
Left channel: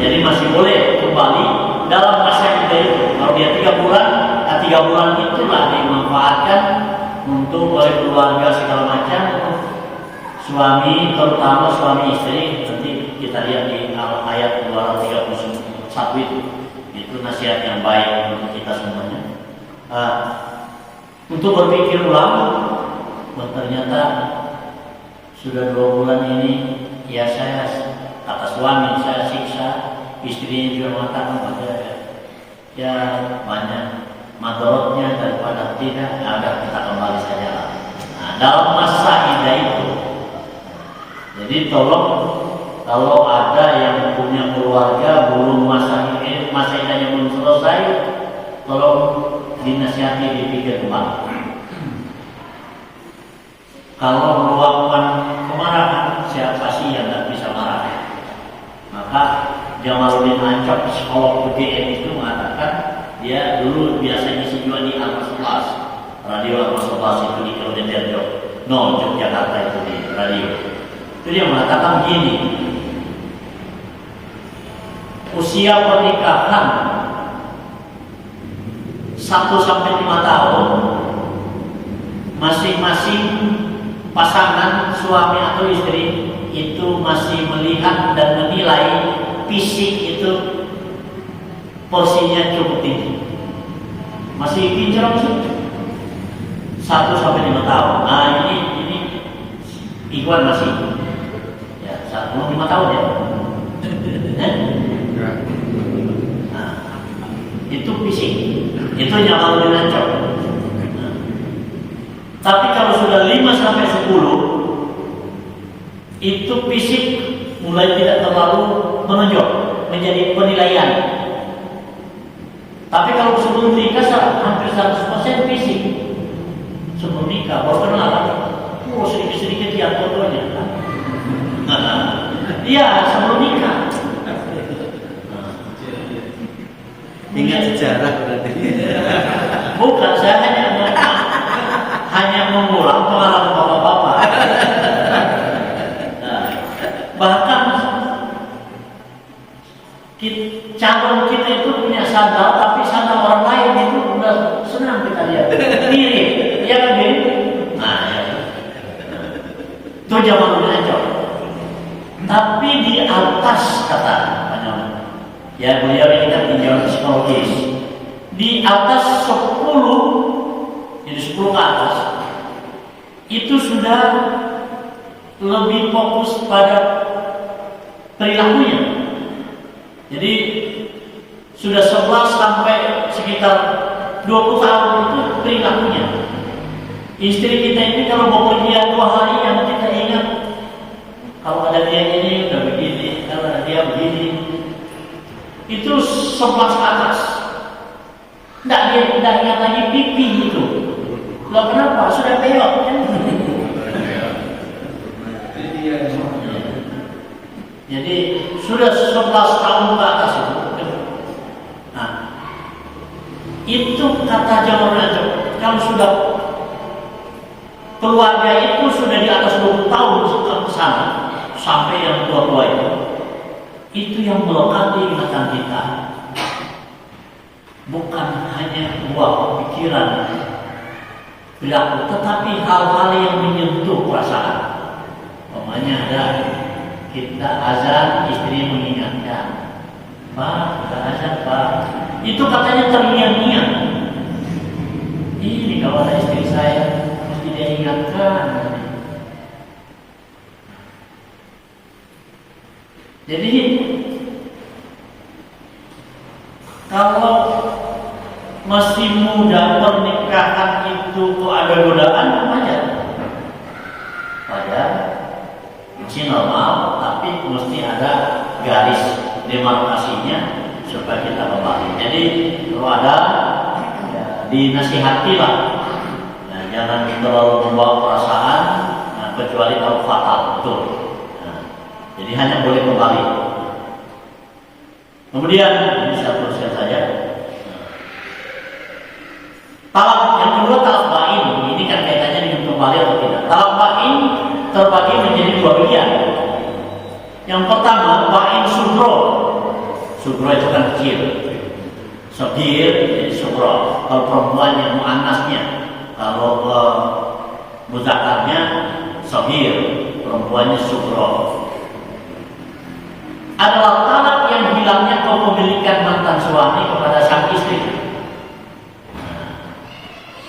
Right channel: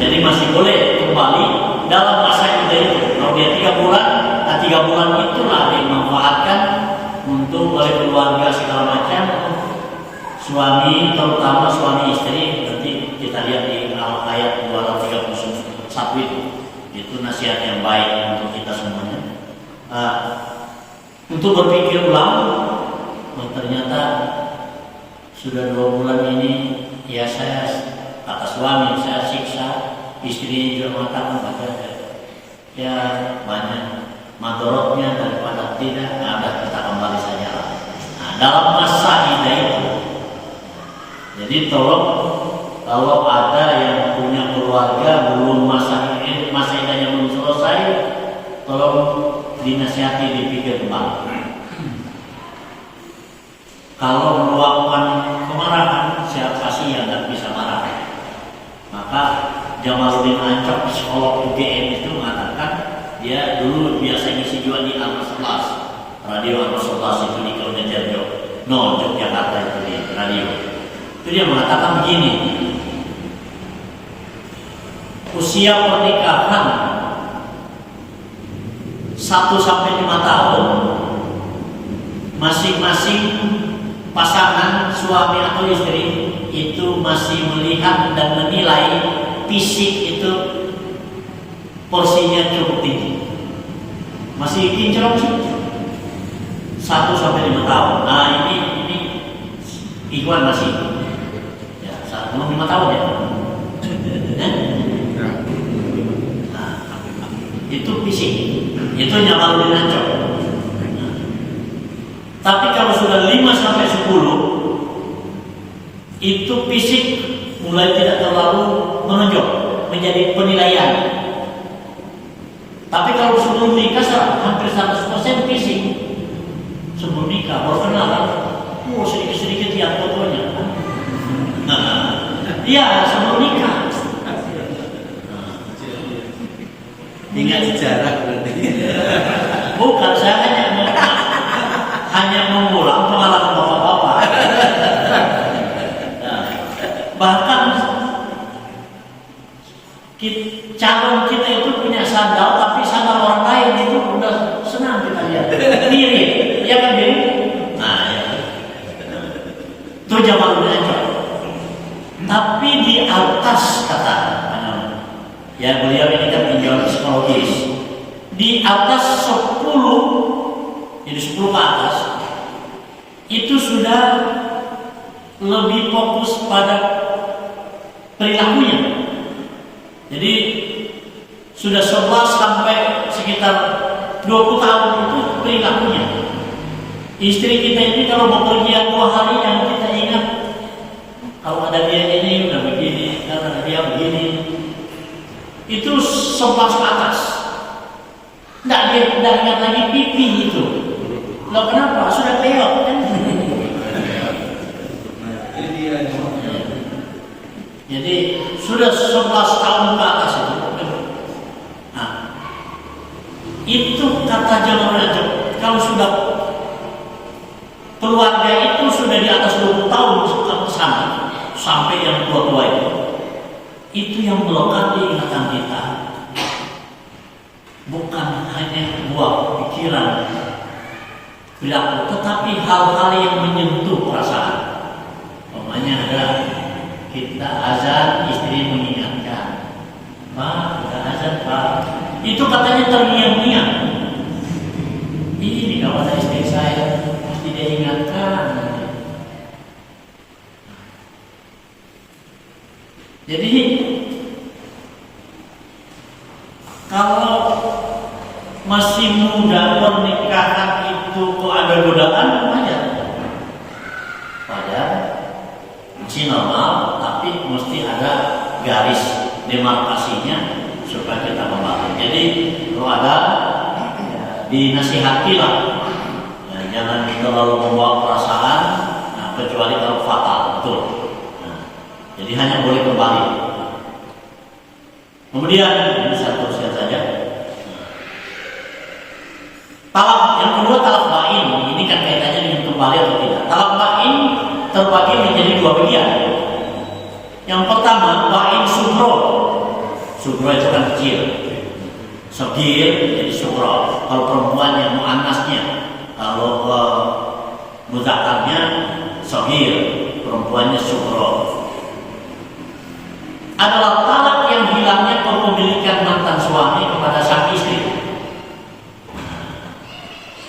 Jadi masih boleh kembali dalam masa iddah itu. Kalau dia 3 bulan, 3 bulan itulah dimanfaatkan untuk oleh keluarga segala macam, suami terutama suami istri. Nanti kita lihat di ayat 231 itu nasihat yang baik untuk kita semuanya. Untuk berpikir ulang, ternyata sudah 2 bulan ini ya saya kata suami saya siksa, istri juga mengatakan pada ya banyak madorotnya daripada tidak ada, kita kembali saja. Nah, dalam masa iddah itu, jadi tolong kalau ada yang punya keluarga belum masa iddahnya belum selesai, tolong dinasihati, dipikir kembali. Kalau meluapkan kemarahan, siapa sih yang tidak bisa marah? Maka Jamaluddin Ancap, psikolog UGM itu mengatakan dia dulu biasa ngisi juga di Al-Mas, radio Al-Mas itu di Kalimantan, Yogyakarta itu di radio. Itu dia mengatakan begini, usia pernikahan 1 sampai 5 tahun, masing-masing pasangan suami atau istri itu masih melihat dan menilai fisik itu porsinya cukup tinggi, masih kinclong sih 1 sampai 5 tahun. Nah ini Ikhwan masih ya 5 tahun ya. Nah, itu fisik, itu nyaman dengan cok. Tapi kalau sudah 5 sampai 10 itu fisik mulai tidak terlalu menonjol, menjadi penilaian. Tapi kalau sebelum nikah hampir 100% fisik. Sebelum nikah baru kenal, sedikit-sedikit lihat fotonya. Iya, sebelum nikah. Tinggal sejarah berarti. Bukan, saya hanya mengulang pengalaman bapak-bapak. Nah, bahkan calon kita itu punya sandal, tapi sandal orang lain itu udah senang kita lihat. Mirip, ya kan mirip? Nah, ya. Itu zaman belajar. Tapi di atas kata, ya beliau ini kan tinjauan psikologis. Di atas 10, jadi 10 ke atas, itu sudah lebih fokus pada perilakunya. Jadi sudah 11 sampai sekitar 20 tahun itu perilakunya. Istri kita ini kalau mau pergi 2 hari yang kita ingat, kalau ada dia ini udah begini, kalau ada dia begini, itu 11 ke atas. Tidak ingat lagi pipi itu. Loh kenapa? Sudah peot kan? Jadi sudah 11 tahun ke atas itu. Nah, itu kata Jamal, kalau sudah keluarga itu sudah di atas 20 tahun ke sana, sampai yang tua-tua itu, itu yang melekat di ingatan kita. Bukan hanya buah pikiran, perilaku, tetapi hal-hal yang menyentuh perasaan. Umpamanya ada kita azan, istri mengingatkan, Pak, kita azan, Pak. Itu katanya terngiang-ngiang. Ini kalau ada istri saya mesti dia ingatkan. Jadi kalau masih muda pernikahan itu kok ada godaan, wajar. Wajar, masih normal, tapi mesti ada garis demarkasinya supaya kita kembali. Jadi kalau ada ya, dinasihatilah, nah, jangan terlalu membawa perasaan, nah, kecuali kalau fatal, betul. Nah, jadi hanya boleh kembali. Kemudian ini satu saja. Talak yang kedua, talak bain. Ini kan kaitannya dengan kembali atau tidak. Talak bain terbagi menjadi dua bagian. Yang pertama, bain sugro. Sugro itu kan kecil. Sagir jadi sugro. Kalau perempuan yang muannasnya, kalau mudzakarnya sagir, perempuannya sugro. Adalah talak yang hilangnya kepemilikan mantan suami kepada sang istri.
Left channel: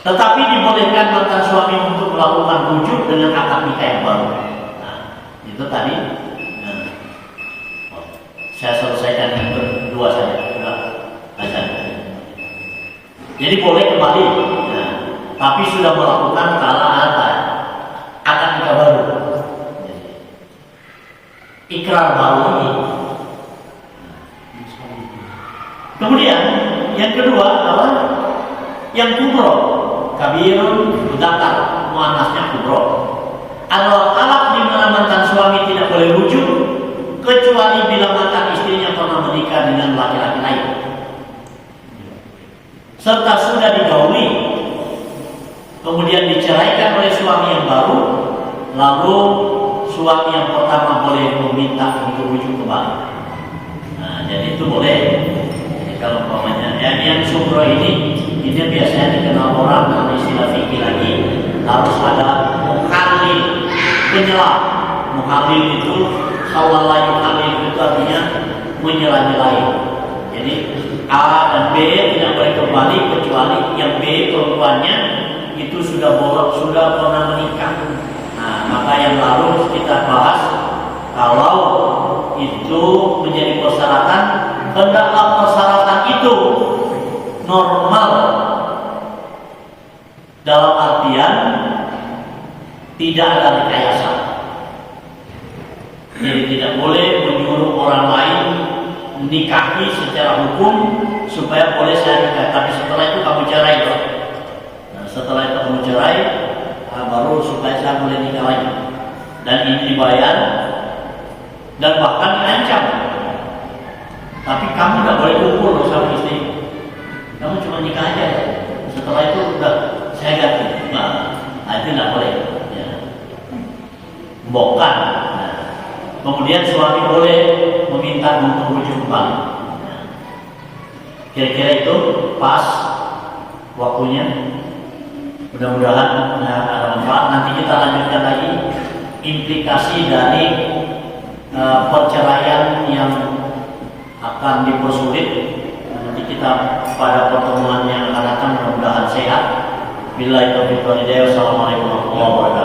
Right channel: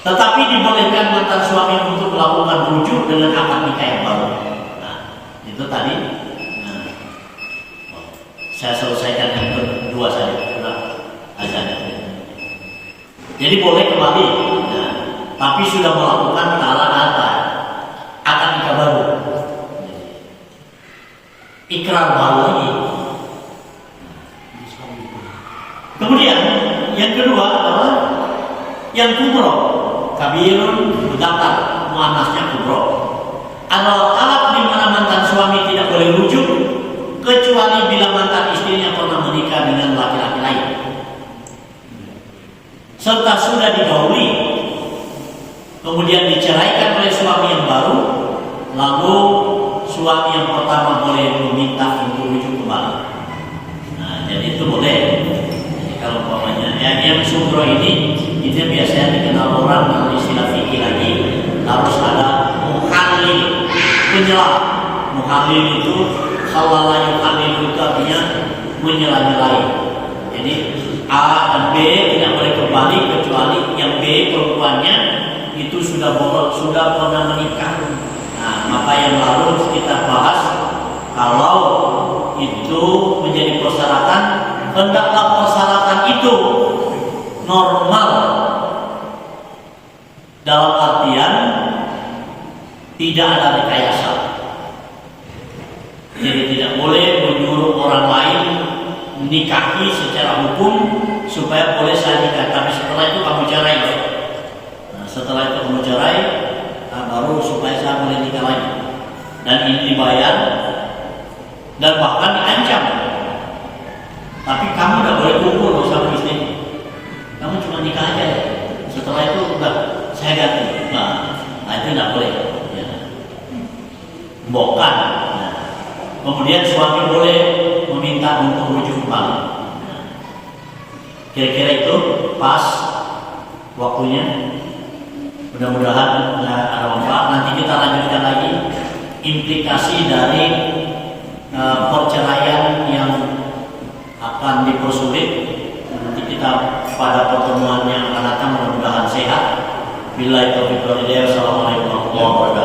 Tetapi dibolehkan mantan suami untuk melakukan rujuk dengan akad nikah yang baru. Nah, itu tadi. Nah, saya selesaikan yang kedua saja. Sudah azan. Jadi boleh kembali. Nah, tapi sudah melakukan talak akad nikah baru. Ikrar baru lagi. Kemudian yang kedua adalah yang kubro, kabirun mudzakkar, muannasnya kubro. Adalah talak di mana mantan suami tidak boleh rujuk kecuali bila mantan istrinya pernah menikah dengan laki-laki lain, serta sudah digauli, kemudian diceraikan oleh suami yang baru, lalu suami yang pertama boleh meminta untuk rujuk kembali. Nah, jadi itu boleh. Kalau umpamanya yang sugro ini biasanya dikenal orang dalam istilah fikih lagi, harus ada muhalil, penyelah. Muhalil itu halala yuhalil itu artinya menyela-nyelai. Jadi A dan B tidak boleh kembali kecuali yang B perempuannya itu sudah pernah menikah. Nah, maka yang lalu kita bahas kalau itu menjadi persyaratan, hendaklah persyaratan itu normal dalam artian tidak ada rekayasa. Jadi tidak boleh menyuruh orang lain nikahi secara hukum supaya boleh saya nikah, tapi setelah itu kamu cerai. Nah, setelah itu kamu cerai, baru supaya saya boleh nikah lagi. Dan ini dibayar dan bahkan diancam. Tapi kamu tidak boleh kumpul sama istri. Kamu cuma nikah aja. Setelah itu udah saya ganti. Nah, itu tidak boleh. Ya. Bukan. Nah, kemudian suami boleh meminta untuk rujuk kembali. Nah, kira-kira itu pas waktunya. Mudah-mudahan ada manfaat. Nanti kita lanjutkan lagi implikasi dari perceraian yang akan dipersulit. Nanti kita pada pertemuan yang akan datang mudah-mudahan sehat. Billahi taufiq wal hidayah. Wassalamualaikum warahmatullahi wabarakatuh.